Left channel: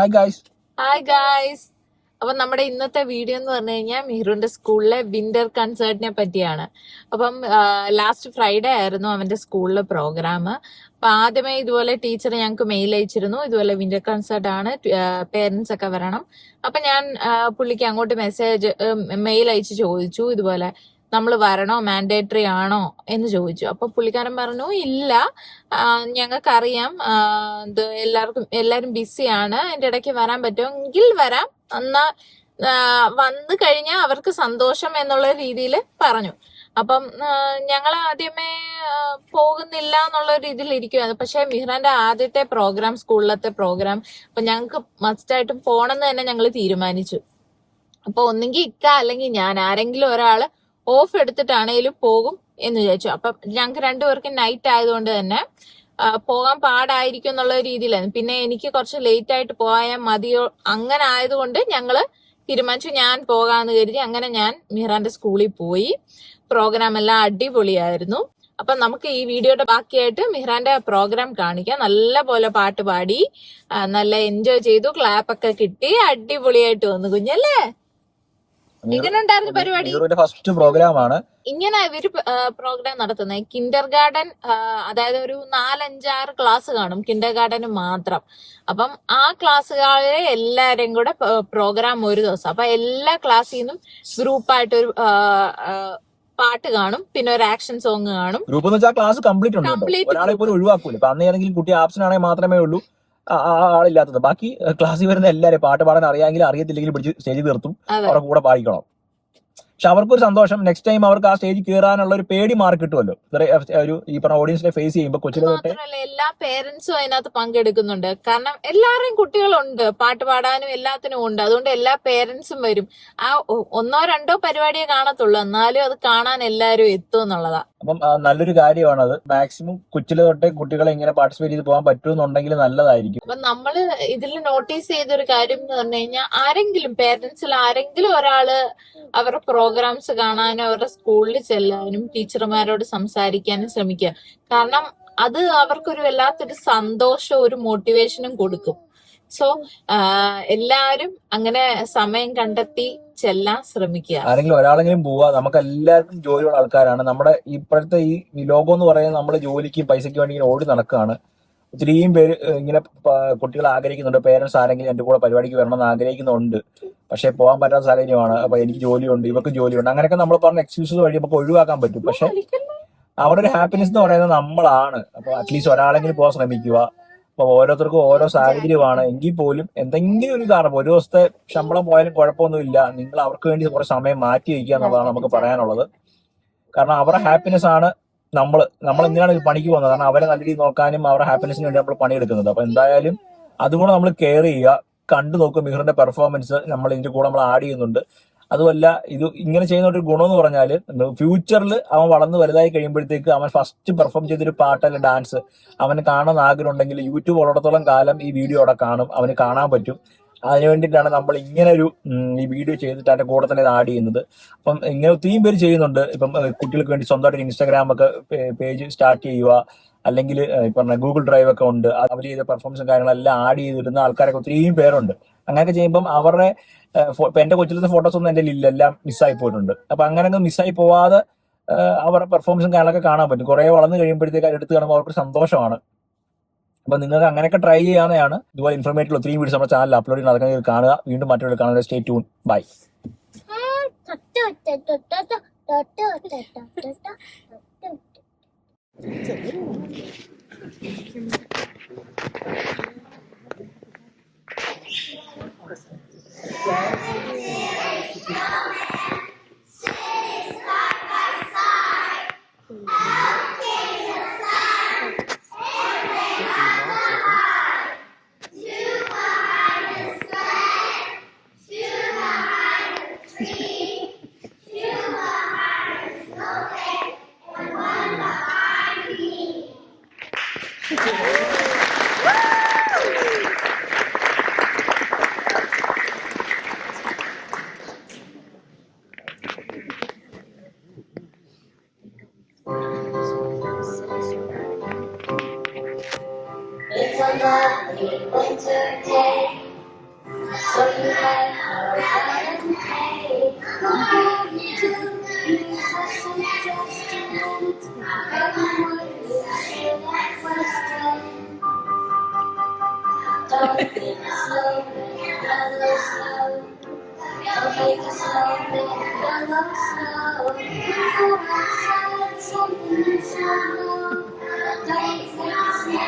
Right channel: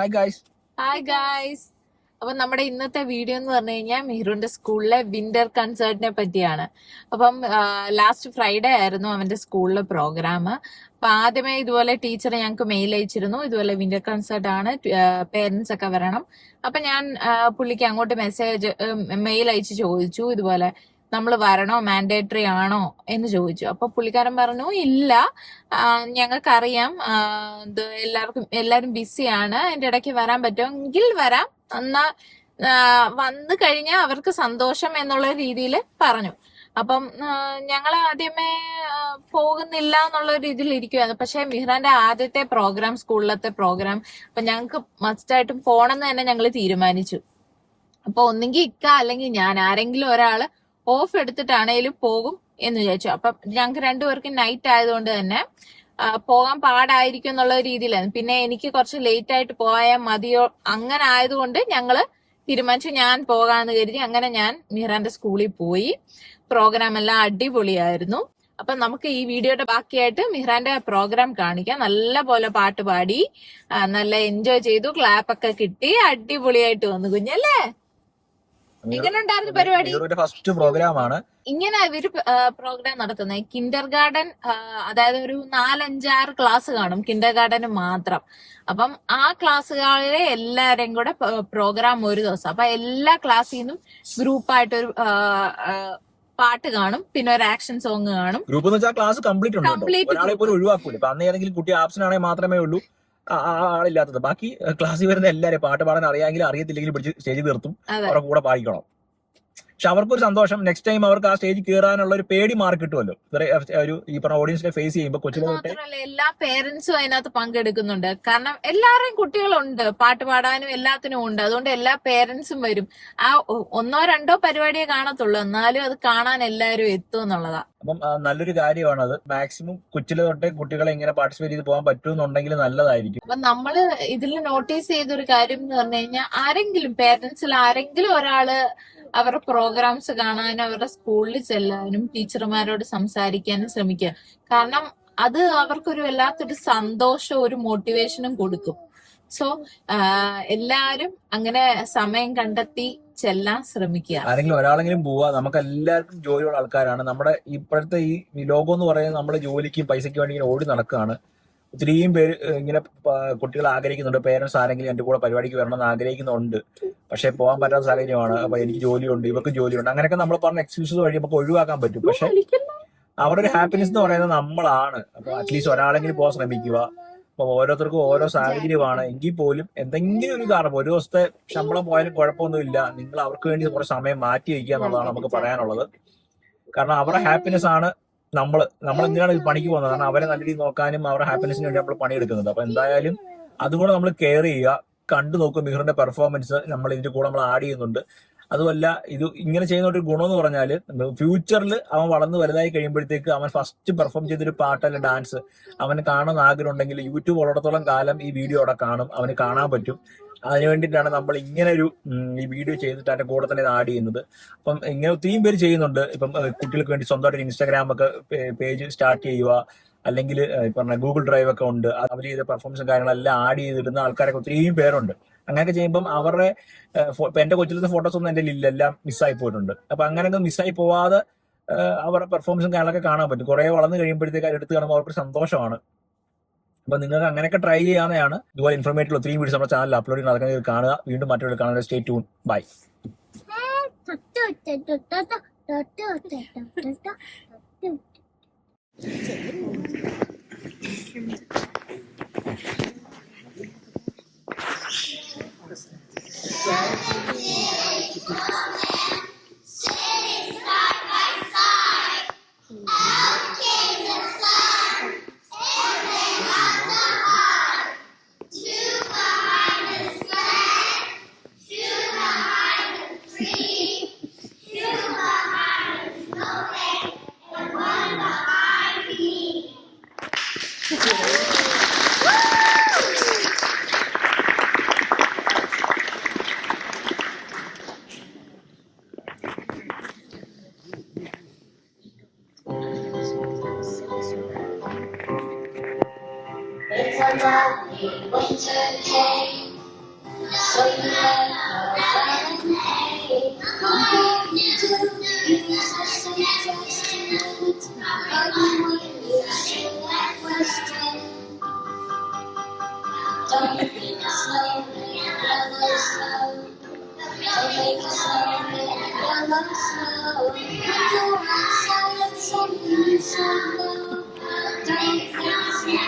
Hi guys. Hi guys. അപ്പം നമ്മുടെ ഇന്നത്തെ വീഡിയോ എന്ന് പറഞ്ഞു കഴിഞ്ഞാൽ മിഹ്റുന്റെ സ്കൂളിലെ വിന്റർ കൺസേർട്ടിനെ പറ്റിയാണ്. അപ്പം ലാസ്റ്റ് ഫ്രൈഡേ ആയിരുന്നു അവന്റെ സ്കൂളിലെ പ്രോഗ്രാം. അപ്പൊ ആദ്യമേ ഇതുപോലെ ടീച്ചർ ഞങ്ങൾക്ക് മെയിൽ അയച്ചിരുന്നു, ഇതുപോലെ വിന്റർ കൺസേർട്ട് ആണ്, പേരൻസ് ഒക്കെ വരണം. അപ്പൊ ഞാൻ പുള്ളിക്ക് അങ്ങോട്ട് മെയിൽ അയച്ച് ചോദിച്ചു, ഇതുപോലെ നമ്മൾ വരണോ, മാൻഡേറ്ററി ആണോ എന്ന് ചോദിച്ചു. അപ്പൊ പുള്ളിക്കാരൻ പറഞ്ഞു ഇല്ല, ഞങ്ങൾക്കറിയാം എല്ലാരും ബിസിയാണ്, അതിന്റെ ഇടയ്ക്ക് വരാൻ പറ്റുമെങ്കിൽ വരാം, എന്നാ വന്നു കഴിഞ്ഞാൽ അവർക്ക് സന്തോഷം എന്നുള്ള രീതിയിൽ പറഞ്ഞു. അപ്പം ഞങ്ങൾ ആദ്യമേ പോകുന്നില്ല എന്നുള്ള രീതിയിൽ ഇരിക്കുവായിരുന്നു. പക്ഷെ മിഹ്റാന്റെ ആദ്യത്തെ പ്രോഗ്രാം, സ്കൂളിലത്തെ പ്രോഗ്രാം, അപ്പൊ ഞങ്ങൾക്ക് മസ്റ്റായിട്ടും പോണെന്ന് തന്നെ ഞങ്ങൾ തീരുമാനിച്ചു. അപ്പൊ ഒന്നെങ്കിൽ ഇക്ക അല്ലെങ്കിൽ ഞാൻ, ആരെങ്കിലും ഒരാള് ഓഫ് എടുത്തിട്ടാണേലും പോകും എന്ന് വിചാരിച്ചു. അപ്പൊ ഞങ്ങൾക്ക് രണ്ടുപേർക്കും നൈറ്റ് ആയതുകൊണ്ട് തന്നെ പോകാൻ പാടായിരിക്കും എന്നുള്ള രീതിയിലായിരുന്നു. പിന്നെ എനിക്ക് കുറച്ച് ലേറ്റ് ആയിട്ട് പോയാൽ മതിയോ, അങ്ങനെ ആയതുകൊണ്ട് ഞങ്ങള് തീരുമാനിച്ചു ഞാൻ പോകാന്ന് കരുതി. അങ്ങനെ ഞാൻ മിഹ്റാന്റെ സ്കൂളിൽ പോയി. പ്രോഗ്രാം എല്ലാം അടിപൊളിയായിരുന്നു. അപ്പൊ നമുക്ക് ഈ വീഡിയോയുടെ ബാക്കിയായിട്ട് മിഹ്റാന്റെ പ്രോഗ്രാം കാണിക്കാം. നല്ല പോലെ പാട്ട് പാടി, നല്ല എൻജോയ് ചെയ്തു, ക്ലാപ്പ് ഒക്കെ കിട്ടി, അടിപൊളിയായിട്ട് വന്നു കുഞ്ഞല്ലേ. ഇങ്ങനെ ഉണ്ടായിരുന്നു പരിപാടി. ഫസ്റ്റ് പ്രോഗ്രാമാണ് ഇങ്ങനെ ഇവര് പ്രോഗ്രാം നടത്തുന്നത്. കിൻഡർ ഗാർഡൻ, അതായത് ഒരു 4-5-6 ക്ലാസ് കാണും കിൻഡർ ഗാർഡന് മാത്രം. അപ്പം ആ ക്ലാസ്സുകാരെ എല്ലാരും കൂടെ പ്രോഗ്രാം ഒരു ദിവസം. അപ്പൊ എല്ലാ ക്ലാസ്സിൽ നിന്നും ഗ്രൂപ്പായിട്ടൊരു പാട്ട് കാണും, പിന്നെ ഒരു ആക്ഷൻ സോങ് കാണും. ഗ്രൂപ്പ് എന്ന് വെച്ചാൽ ക്ലാസ് കംപ്ലീറ്റ് ഉണ്ട്, ഒരാളെ പോലും ഒഴിവാക്കൂല. ഇപ്പൊ അന്ന് ഏതെങ്കിലും കുട്ടി ആബ്സെന്റ് ആണെങ്കിൽ മാത്രമേ ഉള്ളൂ ആളില്ലാത്തത്. ബാക്കി ക്ലാസ്സിൽ വരുന്ന എല്ലാവരും പാട്ട് പാടാൻ അറിയാമെങ്കിലും അറിയത്തില്ലെങ്കിലും പിടിച്ച് സ്റ്റേജിൽ നിർത്തും, അവരുടെ കൂടെ പാടിക്കണം. പക്ഷെ അവർക്കൊരു സന്തോഷം, നെക്സ്റ്റ് ടൈം അവർക്ക് ആ സ്റ്റേജിൽ കയറാനുള്ള ഒരു പേടി മാറി കിട്ടുമല്ലോ. ഒരു ഈ പറഞ്ഞ ഓഡിയൻസിനെ ഫേസ് ചെയ്യുമ്പോൾ കൊച്ചിലെ തൊട്ടേ എല്ലാ പേരൻസും അതിനകത്ത് പങ്കെടുക്കുന്നുണ്ട്. കാരണം എല്ലാവരെയും കുട്ടികളുണ്ട്, പാട്ട് പാടാനും എല്ലാത്തിനും ഉണ്ട്. അതുകൊണ്ട് എല്ലാ പേരൻസും വരും. ആ 1-2 പരിപാടിയെ കാണത്തുള്ളൂ, എന്നാലും അത് കാണാൻ എല്ലാവരും എത്തും എന്നുള്ളതാ. അപ്പം നല്ലൊരു കാര്യമാണ് അത്. മാക്സിമം കൊച്ചിലെ തൊട്ടേ കുട്ടികളെ ഇങ്ങനെ പാർട്ടിസിപ്പേറ്റ് ചെയ്ത് പോകാൻ പറ്റുമെന്നുണ്ടെങ്കിൽ നല്ലതായിരിക്കും. അപ്പൊ നമ്മള് ഇതിൽ നോട്ടീസ് ചെയ്തൊരു കാര്യം എന്ന് പറഞ്ഞു കഴിഞ്ഞാൽ, ആരെങ്കിലും പേരൻസിൽ ആരെങ്കിലും ഒരാള് അവരുടെ പ്രോഗ്രാംസ് കാണാനും അവരുടെ സ്കൂളിൽ ചെല്ലാനും ടീച്ചർമാരോട് സംസാരിക്കാനും ശ്രമിക്കുക. കാരണം അത് അവർക്കൊരു വല്ലാത്തൊരു സന്തോഷവും ഒരു മോട്ടിവേഷനും കൊടുക്കും. സോ എല്ലാരും അങ്ങനെ സമയം കണ്ടെത്തി ചെല്ലാൻ ശ്രമിക്കുക. ആരെങ്കിലും ഒരാളെങ്കിലും പോവുക. നമുക്ക് എല്ലാവർക്കും ജോലിയുള്ള ആൾക്കാരാണ്. നമ്മുടെ ഇപ്പോഴത്തെ ഈ ലോകം എന്ന് പറയുന്നത് നമ്മൾ ജോലിക്കും പൈസയ്ക്ക് വേണ്ടി ഇങ്ങനെ ഓടി നടക്കുകയാണ്. ഒത്തിരിയും പേര് ഇങ്ങനെ കുട്ടികൾ ആഗ്രഹിക്കുന്നുണ്ട്, പേരൻസ് ആരെങ്കിലും എന്റെ കൂടെ പരിപാടിക്ക് വരണമെന്ന് ആഗ്രഹിക്കുന്നുണ്ട്. പക്ഷെ പോകാൻ പറ്റാത്ത സാഹചര്യമാണ്. അപ്പൊ എനിക്ക് ജോലിയുണ്ട്, ഇവർക്ക് ജോലിയുണ്ട്, അങ്ങനെയൊക്കെ നമ്മൾ പറഞ്ഞ എക്സ്ക്യൂസസ് വഴി നമുക്ക് ഒഴിവാക്കാൻ പറ്റും. പക്ഷെ അവരുടെ ഒരു ഹാപ്പിനെസ് എന്ന് പറയുന്നത് നമ്മളാണ്. അപ്പൊ അറ്റ്ലീസ്റ്റ് ഒരാളെങ്കിലും പോകാൻ ശ്രമിക്കുക. അപ്പൊ ഓരോരുത്തർക്കും ഓരോ സാഹചര്യമാണ്. എങ്കിൽ പോലും എന്തെങ്കിലും ഒരു കാരണം, ഒരു ദിവസത്തെ ശമ്പളം പോയാലും കുഴപ്പമൊന്നുമില്ല, നിങ്ങൾ അവർക്ക് വേണ്ടി കുറച്ച് സമയം മാറ്റി വയ്ക്കുക എന്നുള്ളതാണ് നമുക്ക് പറയാനുള്ളത്. കാരണം അവരുടെ ഹാപ്പിനെസ് ആണ് നമ്മൾ എന്തിനാണ് ഈ പണിക്ക് പോകുന്നത്? കാരണം അവരെ നല്ല രീതിയിൽ നോക്കാനും അവരുടെ ഹാപ്പിനെസിന് വേണ്ടി നമ്മൾ പണിയെടുക്കുന്നത്. അപ്പൊ എന്തായാലും അതുകൂടെ നമ്മൾ കെയർ ചെയ്യുക. കണ്ടു നോക്കും മിഹ്റിന്റെ പെർഫോമൻസ് നമ്മൾ ഇതിന്റെ കൂടെ നമ്മൾ ആഡ് ചെയ്യുന്നുണ്ട്. അതുമല്ല, ഇത് ഇങ്ങനെ ചെയ്യുന്ന ഒരു ഗുണം എന്ന് പറഞ്ഞാൽ ഫ്യൂച്ചറിൽ അവൻ വളർന്ന് വലുതായി കഴിയുമ്പോഴത്തേക്ക് അവൻ ഫസ്റ്റ് പെർഫോം ചെയ്തൊരു പാട്ട് അല്ലെങ്കിൽ ഡാൻസ് അവന് കാണാൻ ആഗ്രഹം ഉണ്ടെങ്കിൽ യൂട്യൂബ് ഉള്ളിടത്തോളം കാലം ഈ വീഡിയോ അവിടെ കാണും, അവന് കാണാൻ പറ്റും. അതിനു വേണ്ടിയിട്ടാണ് നമ്മൾ ഇങ്ങനെ ഒരു ഈ വീഡിയോ ചെയ്തിട്ട് അതിന്റെ കൂടെ തന്നെ ഇത് ആഡ് ചെയ്യുന്നത്. അപ്പം ഇങ്ങനെ ഒത്തിരിയും പേര് ചെയ്യുന്നുണ്ട്. ഇപ്പം കുട്ടികൾക്ക് വേണ്ടി സ്വന്തമായിട്ട് ഇൻസ്റ്റാഗ്രാം ഒക്കെ പേജ് സ്റ്റാർട്ട് ചെയ്യുക, അല്ലെങ്കിൽ പറഞ്ഞ ഗൂഗിൾ ഡ്രൈവ് ഒക്കെ ഉണ്ട്, അവർ ചെയ്ത പെർഫോമൻസും കാര്യങ്ങളെല്ലാം ആഡ് ചെയ്തിടുന്ന ആൾക്കാരൊക്കെ ഒത്തിരിയും പേരുണ്ട്. അങ്ങനെയൊക്കെ ചെയ്യുമ്പം അവരുടെ ഇപ്പൊ എന്റെ കൊച്ചിലത്തെ ഫോട്ടോസ് ഒന്നും എന്റെ ഇല്ല, എല്ലാം മിസ്സായി പോയിട്ടുണ്ട്. അപ്പൊ അങ്ങനെയൊക്കെ മിസ്സായി പോവാതെ അവരുടെ പെർഫോമൻസും കാര്യങ്ങളൊക്കെ കാണാൻ പറ്റും. കുറെ വളർന്നു കഴിയുമ്പോഴത്തേക്ക് എടുത്ത് കാണുമ്പോൾ അവർക്ക് സന്തോഷമാണ്. അപ്പൊ നിങ്ങൾക്ക് അങ്ങനെയൊക്കെ ട്രൈ ചെയ്യാവുന്നതാണ്. ഇതുപോലെ ഇൻഫോർമേറ്റീവ് ഒത്തിരി വീഡിയോസ് നമ്മുടെ ചാനൽ അപ്ലോഡ് ചെയ്യുന്ന അതൊക്കെ കാണുക. വീണ്ടും മറ്റൊരു കാണുക. Stay tune. Bye. It's a lovely winter day. make it snow, yellow snow. Don't make it snow, yellow snow. When you're outside, something you should know. Don't make it snow,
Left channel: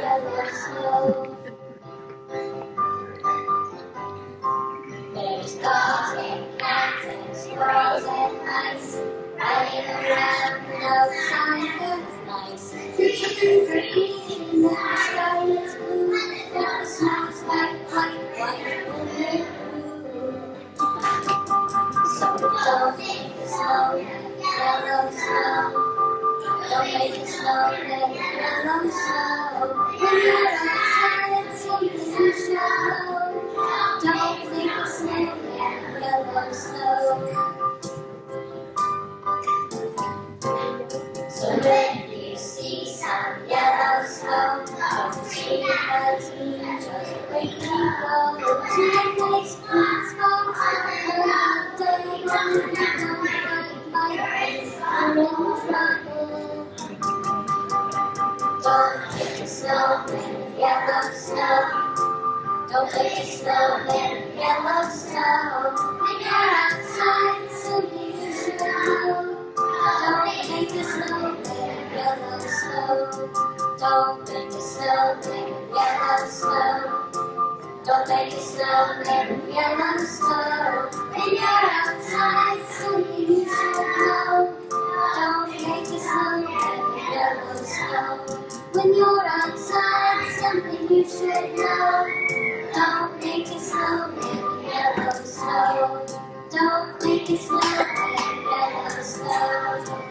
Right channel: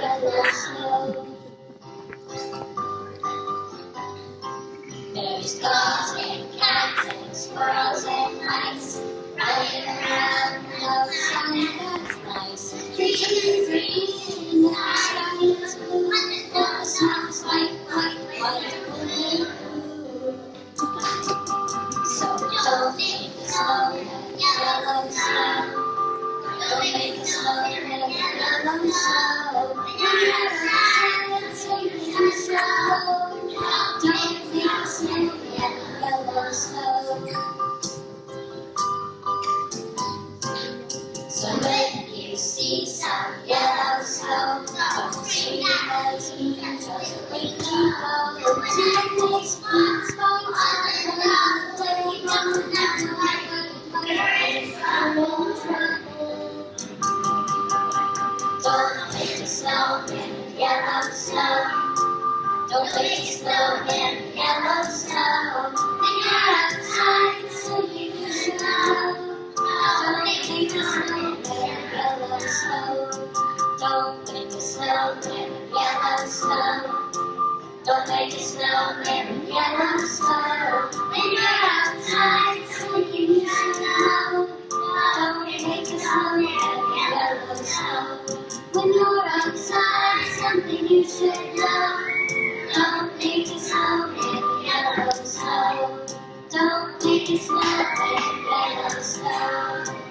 yellow snow. There's dogs and cats and squirrels and mice running around outside. That's nice. Your chickens are eating and the sky is blue. And the snow sounds like white, blue. So don't make it snow, yellow snow. Don't make it snow, yellow snow. When you're outside, something you should know. Don't make it snow, yellow snow. So when you see some yellow snow, don't say that's me, just let me go. Take these spots, spots, around the day, don't have to like I'm in trouble. Don't make it snow, yellow snow. Don't make it snow, yellow snow. When you're outside, so you should know. Don't make it snow, yellow snow. Don't make it snow, yellow snow. Don't make it snow, yellow snow. When you're outside, so you should know. Don't make it snow, yellow snow. When you're outside, something you should know. Don't make it snow, yellow snow. Don't make it snow, yellow snow.